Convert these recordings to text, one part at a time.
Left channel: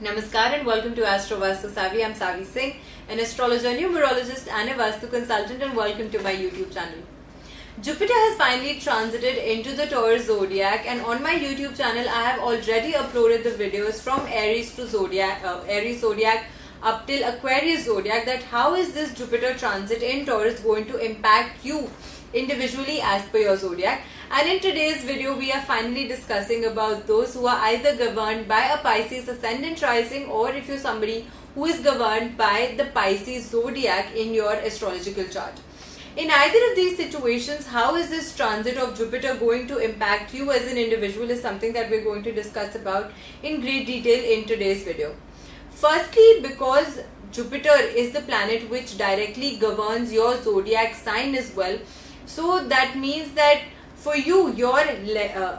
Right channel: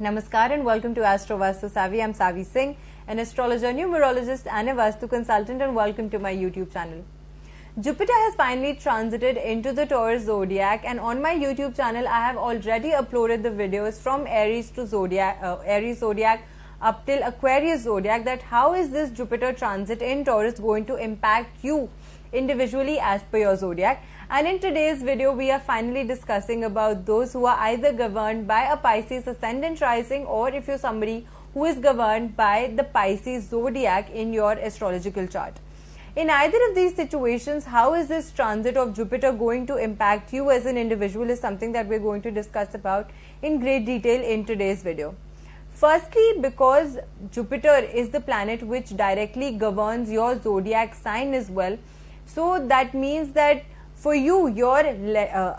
Namaskar and welcome to Astro Vastu Savvy. I'm Savi Singh, an astrologer, numerologist and a Vastu consultant, and welcome to my YouTube channel. Jupiter has finally transited into the Taurus zodiac, and on my YouTube channel I have already uploaded the videos from Aries to Aries zodiac up till Aquarius zodiac, that how is this Jupiter transit in Taurus going to impact you individually as per your zodiac. And in today's video we are finally discussing about those who are either governed by a Pisces ascendant rising, or if you're somebody who is governed by the Pisces zodiac in your astrological chart. In either of these situations, how is this transit of Jupiter going to impact you as an individual is something that we're going to discuss about in great detail in today's video. Firstly, because Jupiter is the planet which directly governs your zodiac sign as well. So that means that for you, your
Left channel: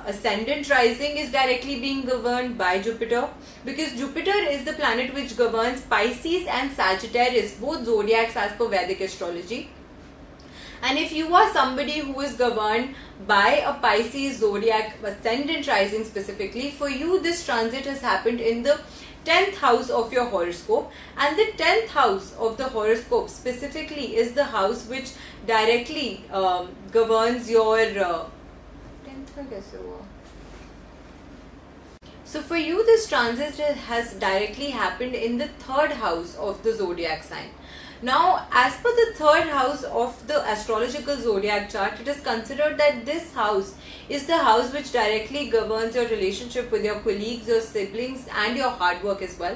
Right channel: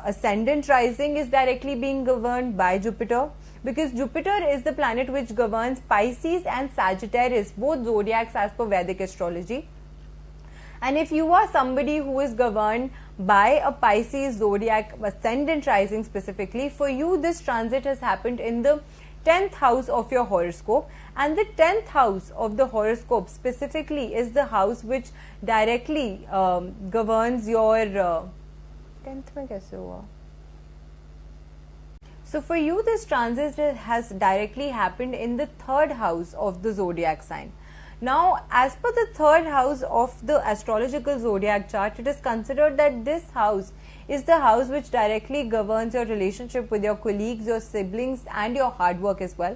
ascendant rising is directly being governed by Jupiter, because Jupiter is the planet which governs Pisces and Sagittarius, both zodiacs as per Vedic astrology. And if you are somebody who is governed by a Pisces zodiac ascendant rising specifically, for you this transit has happened in the 10th house of your horoscope, and the 10th house of the horoscope specifically is the house which directly governs your 10th mein kaise hua? So for you this transit has directly happened in the 3rd house of the zodiac sign. Now, as per the 3rd house of the astrological zodiac chart, it is considered that this house is the house which directly governs your relationship with your colleagues, your siblings and your hard work as well.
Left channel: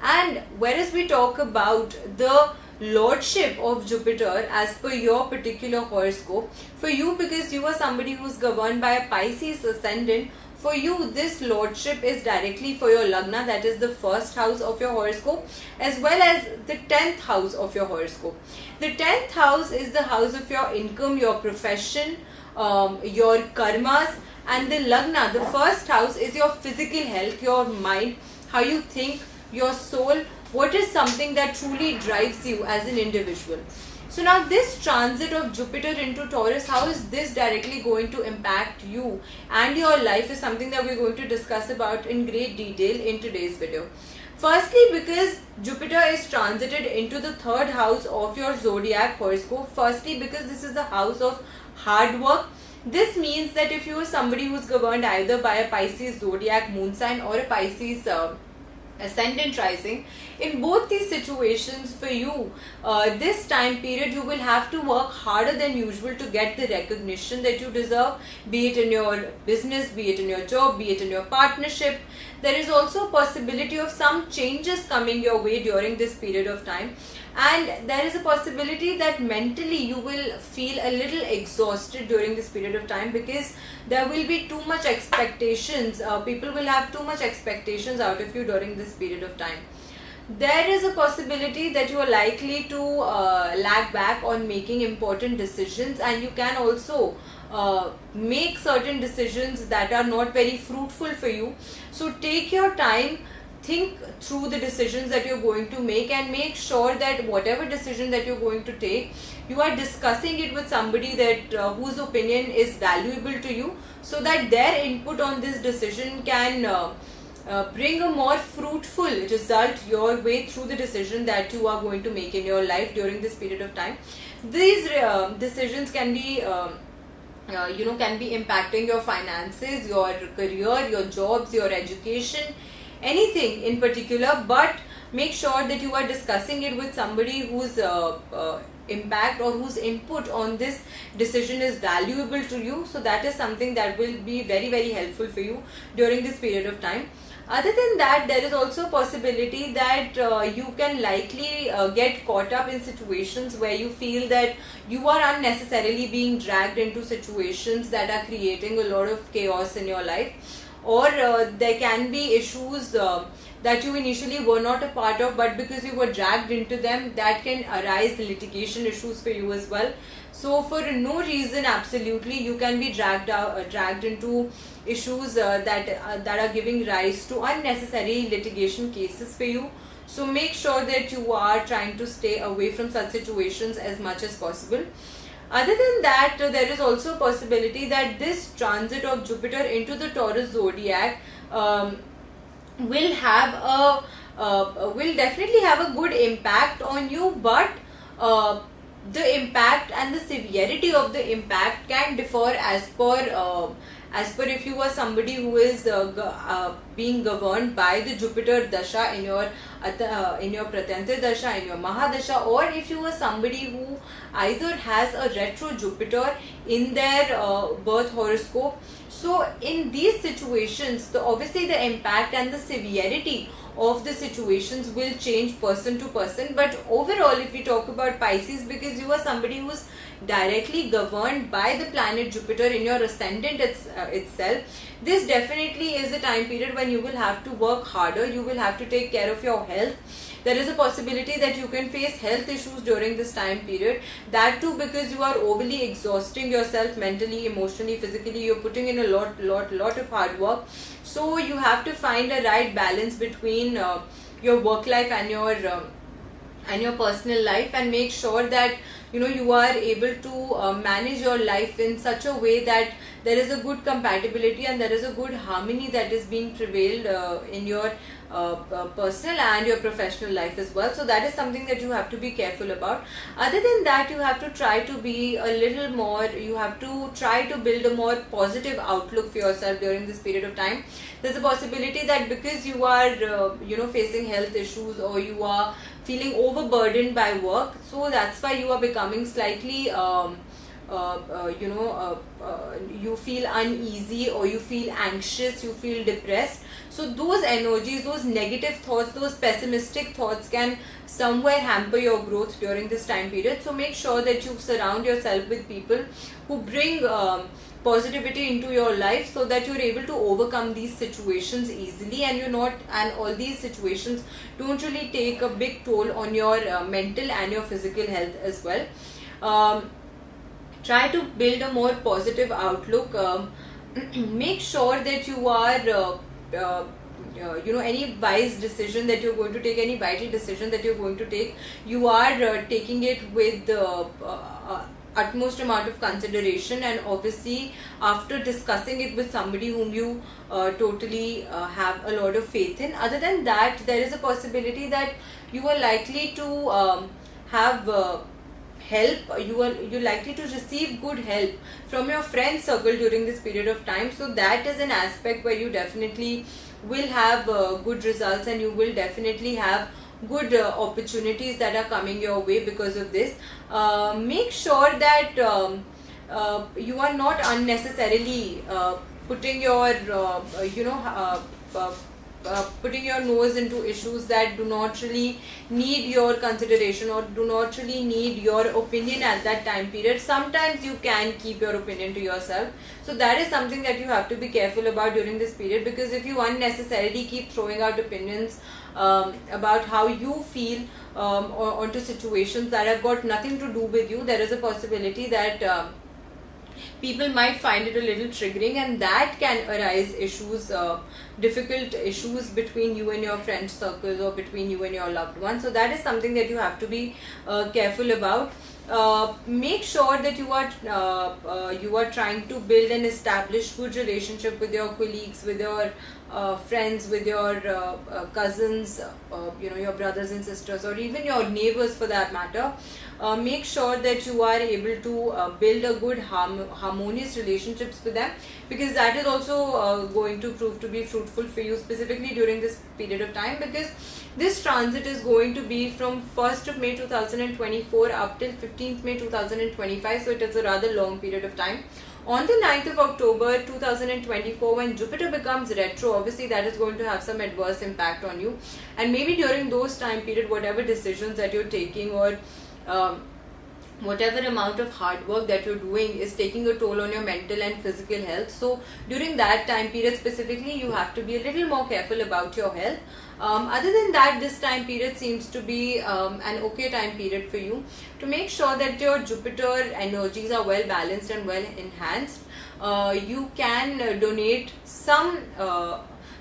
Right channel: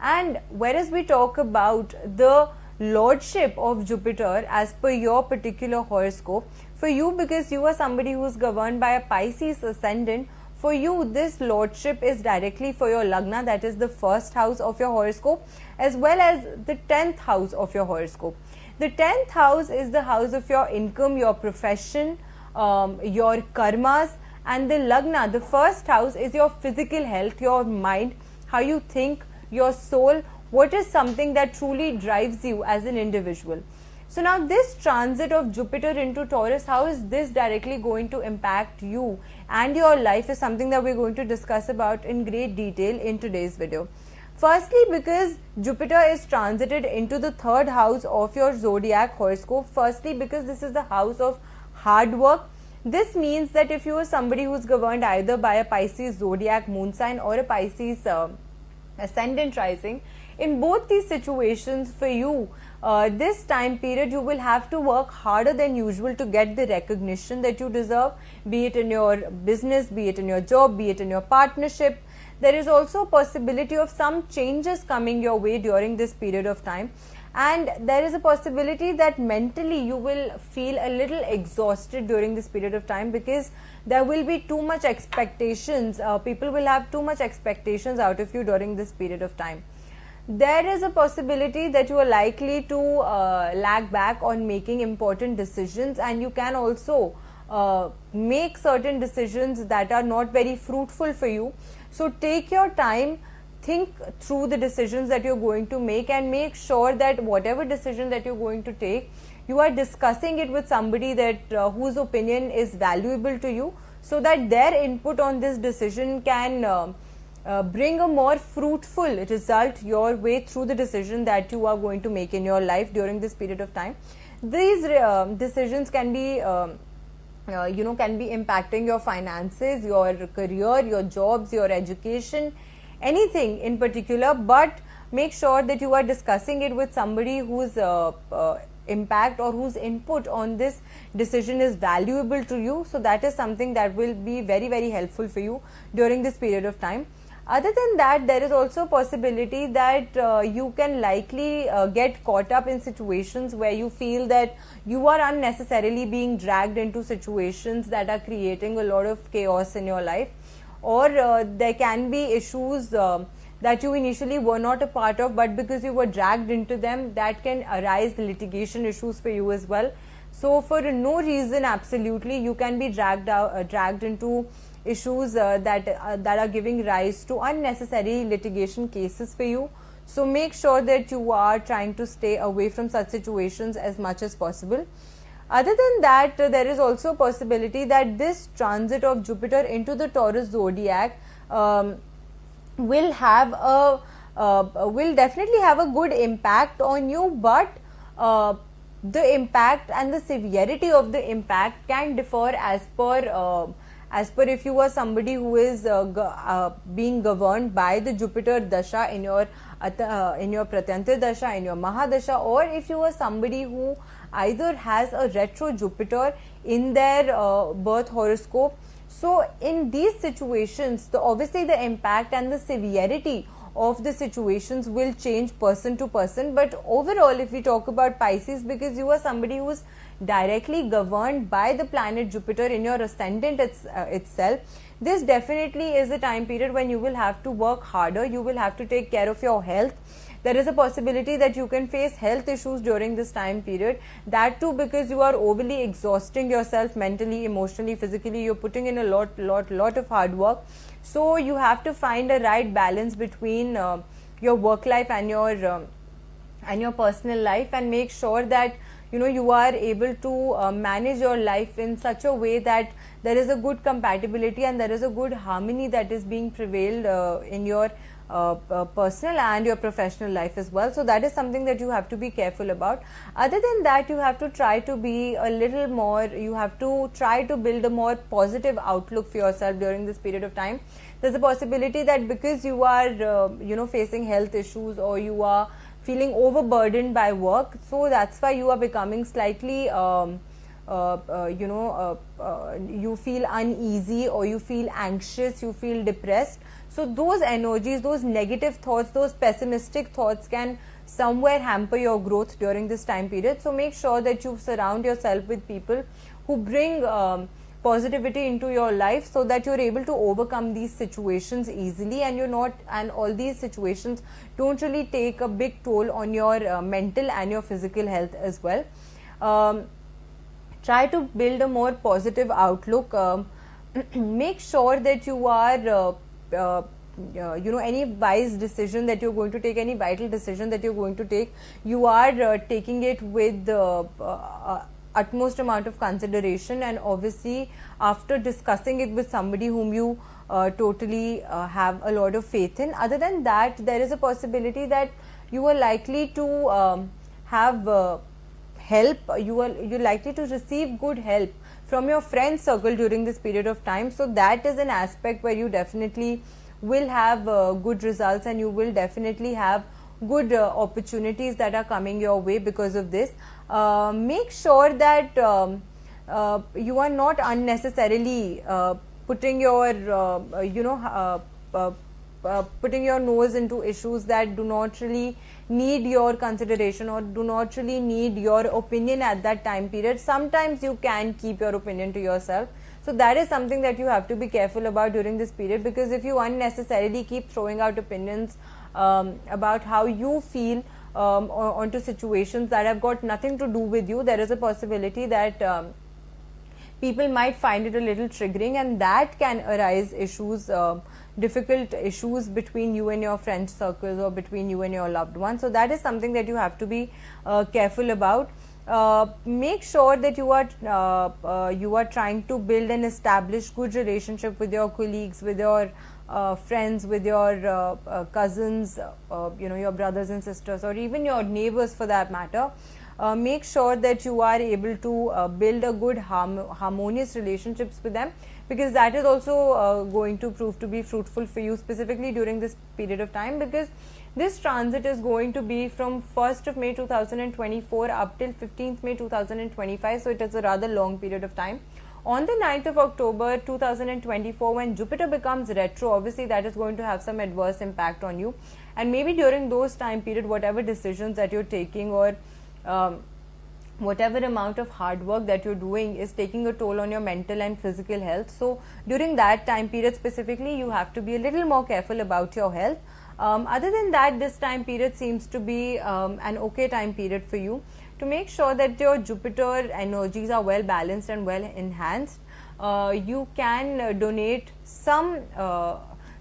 And whereas we talk about the lordship of Jupiter as per your particular horoscope, for you, because you are somebody who is governed by a Pisces ascendant, for you this lordship is directly for your lagna, that is the 1st house of your horoscope, as well as the 10th house of your horoscope. The 10th house is the house of your income, your profession, your karmas, and the lagna, the 1st house, is your physical health, your mind, how you think, your soul, what is something that truly drives you as an individual. So now this transit of Jupiter into Taurus, how is this directly going to impact you and your life is something that we're going to discuss about in great detail in today's video. Firstly, because Jupiter is transited into the 3rd house of your zodiac horoscope, firstly because this is the house of hard work. This means that if you are somebody who is governed either by a Pisces zodiac moon sign or a Pisces ascendant rising, in both these situations for you, this time period you will have to work harder than usual to get the recognition that you deserve, be it in your business, be it in your job, be it in your partnership. There is also a possibility of some changes coming your way during this period of time, and there is a possibility that mentally you will feel a little exhausted during this period of time, because there will be too much expectations. People will have too much expectations out of you during this period of time. There is a possibility that you are likely to lag back on making important decisions, and you can also make certain decisions that are not very fruitful for you. So take your time, think through the decisions that you're going to make, and make sure that whatever decision that you're going to take, you are discussing it with somebody that whose opinion is valuable to you, so that their input on this decision can bring a more fruitful result your way through the decision that you are going to make in your life during this period of time. These decisions can be can be impacting your finances, your career, your jobs, your education, anything in particular, but make sure that you are discussing it with somebody whose impact or whose input on this decision is valuable to you. So that is something that will be very, very helpful for you during this period of time. Other than that, there is also a possibility that you can likely get caught up in situations where you feel that you are unnecessarily being dragged into situations that are creating a lot of chaos in your life, or there can be issues that you initially were not a part of, but because you were dragged into them, that can arise litigation issues for you as well. So for no reason, absolutely, you can be dragged into issues that are giving rise to unnecessary litigation cases for you. So make sure that you are trying to stay away from such situations as much as possible. Other than that, there is also a possibility that this transit of Jupiter into the Taurus zodiac will have will definitely have a good impact on you, but the impact and the severity of the impact can differ as per if you are somebody who is being governed by the Jupiter dasha in your Pratyantra dasha, in your Mahadasha, or if you are somebody who either has a retro Jupiter in their birth horoscope. So in these situations, obviously the impact and the severity of the situations will change person to person. But overall, if we talk about Pisces, because you are somebody who's directly governed by the planet Jupiter in your ascendant itself, this definitely is a time period when you will have to work harder, you will have to take care of your health. There is a possibility that you can face health issues during this time period, that too because you are overly exhausting yourself mentally, emotionally, physically. You're putting in a lot of hard work, so you have to find a right balance between your work life and your personal life, and make sure that you are able to manage your life in such a way that there is a good compatibility and there is a good harmony that is being prevailed in your personal and your professional life as well. So that is something that you have to be careful about. Other than that, you have to try to be a little more, you have to try to build a more positive outlook for yourself during this period of time. There's a possibility that because you are facing health issues, or you are feeling overburdened by work, so that's why you are becoming slightly you feel uneasy, or you feel anxious, you feel depressed. So those energies, those negative thoughts, those pessimistic thoughts can somewhere hamper your growth during this time period. So make sure that you surround yourself with people who bring positivity into your life, so that you're able to overcome these situations easily, and all these situations don't really take a big toll on your mental and your physical health as well. Try to build a more positive outlook. Make sure that you are any wise decision that you're going to take, any vital decision that you're going to take, you are taking it with the utmost amount of consideration, and obviously after discussing it with somebody whom you totally have a lot of faith in. Other than that, there is a possibility that you are likely to have help, you're likely to receive good help from your friend circle during this period of time. So that is an aspect where you definitely will have good results, and you will definitely have good opportunities that are coming your way because of this. Make sure that you are not unnecessarily putting your putting your nose into issues that do not really need your consideration, or do not really need your opinion at that time period. Sometimes you can keep your opinion to yourself, so that is something that you have to be careful about during this period, because if you unnecessarily keep throwing out opinions about how you feel onto situations that have got nothing to do with you, there is a possibility that people might find it a little triggering, and that can arise issues, difficult issues between you and your friend circles, or between you and your loved ones. So that is something that you have to be careful about. Make sure that you are trying to build and establish good relationship with your colleagues, with your friends, with your cousins, your brothers and sisters, or even your neighbors for that matter. Make sure that you are able to build a good harmonious relationships with them, because that is also going to prove to be fruitful for you, specifically during this period of time, because this transit is going to be from 1st of May 2024 up till 15th May 2025, so it is a rather long period of time. On the 9th of October 2024, when Jupiter becomes retro, obviously that is going to have some adverse impact on you, and maybe during those time period, whatever decisions that you're taking, or whatever amount of hard work that you're doing is taking a toll on your mental and physical health. So during that time period specifically, you have to be a little more careful about your health. Other than that, this time period seems to be an okay time period for you to make sure that your Jupiter energies are well balanced and well enhanced. You can donate some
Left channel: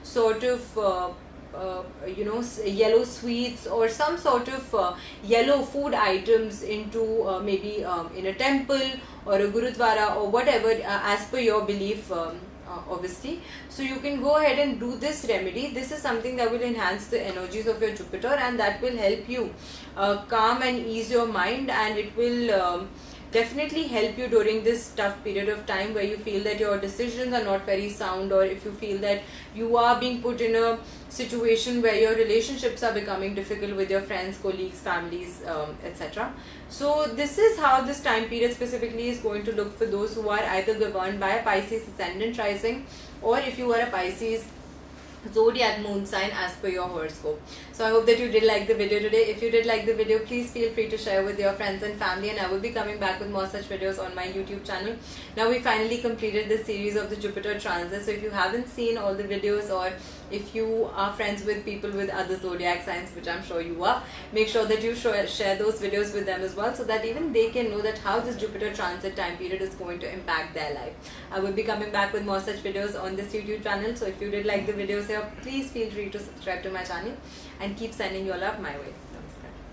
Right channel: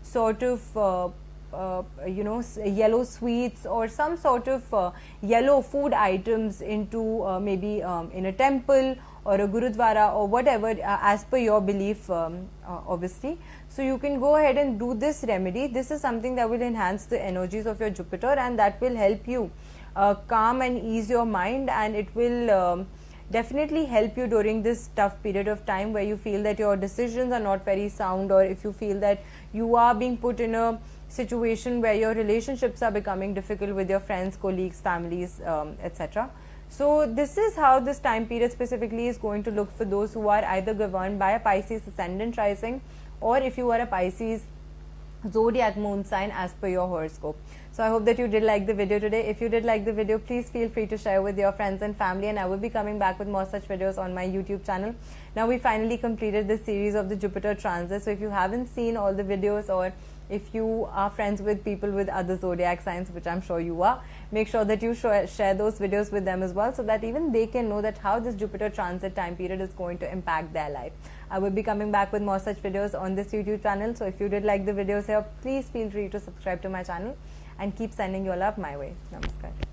sort of yellow sweets, or some sort of yellow food items into maybe in a temple or a gurudwara, or whatever as per your belief obviously. So you can go ahead and do this remedy. This is something that will enhance the energies of your Jupiter, and that will help you calm and ease your mind, and it will definitely help you during this tough period of time where you feel that your decisions are not very sound, or if you feel that you are being put in a situation where your relationships are becoming difficult with your friends, colleagues, families, etc. So this is how this time period specifically is going to look for those who are either governed by a Pisces ascendant rising, or if you are a Pisces zodiac moon sign as per your horoscope. So I hope that you did like the video today. If you did like the video, please feel free to share with your friends and family, and I will be coming back with more such videos on my YouTube channel. Now we finally completed this series of the Jupiter transit. So if you haven't seen all the videos, or if you are friends with people with other zodiac signs, which I'm sure you are, make sure that you share those videos with them as well, so that even they can know that how this Jupiter transit time period is going to impact their life. I will be coming back with more such videos on this YouTube channel. So if you did like the videos here, please feel free to subscribe to my channel and keep sending your love my way. Namaskar.